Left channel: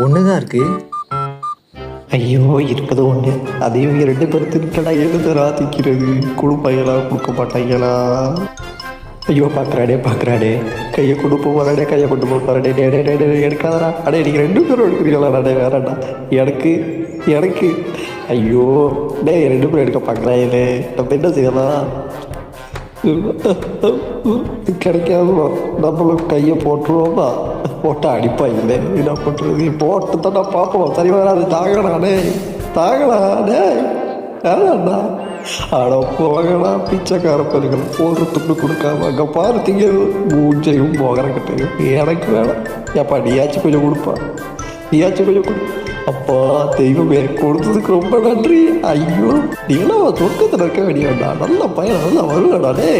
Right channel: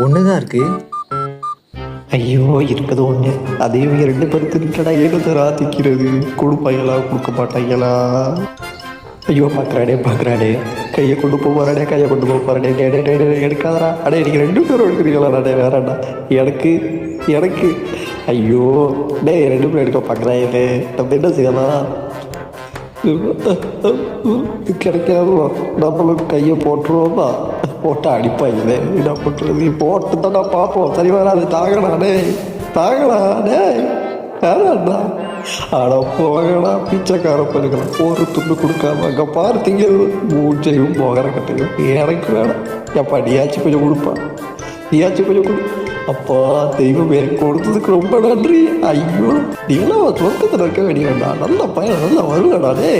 ஒண்ணுதான் இருக்கு. ஐயோ இருக்குது ஒண்ணு. அதே ரெண்டு பேருக்கு எடுத்து ராத்திக்கிறது. கொடுப்பாங்களா கொடுக்க மாட்டாங்களா? ஐயோ பாக்குறாடே கையை கொண்டு போறாடே எடுக்காதா? அடே நீங்க ரெண்டு பேரும் எடுக்கிறீங்களா? வேறடா எனக்கு ஐயோ ரெண்டு பேரும் எடுக்க பாக்குறாங்களே, நம்ம என்ன செய்யலாம்? கிடைக்காம நம்ம கையை போட்டுருவோமா? போட்டு அடிப்பாங்களே, என்ன பண்றது? போட்டு தான் நான் பார்ப்போம். சரி வராது. தாங்கலாடே ஆனா போகலா பிச்சைக்கார பண்ணுற ஒரு துண்டு கொடுக்காம அங்கே பார்த்தீங்க மூச்சையும் போகிற கட்டுங்க. எனக்கு வேணாம். எப்பா நீயாச்சும் கொஞ்சம் கொடுப்பா, நீயாச்சும் கொஞ்சம் கொடு. அப்பா தெய்வம் எனக்கு கொடுத்ததுக்கு ரொம்ப நன்றி. ஐயோ நீங்களும் தோட்டத்தில் இருக்க வேண்டியதா? நல்ல பையன் நல்லா வரலடாடே.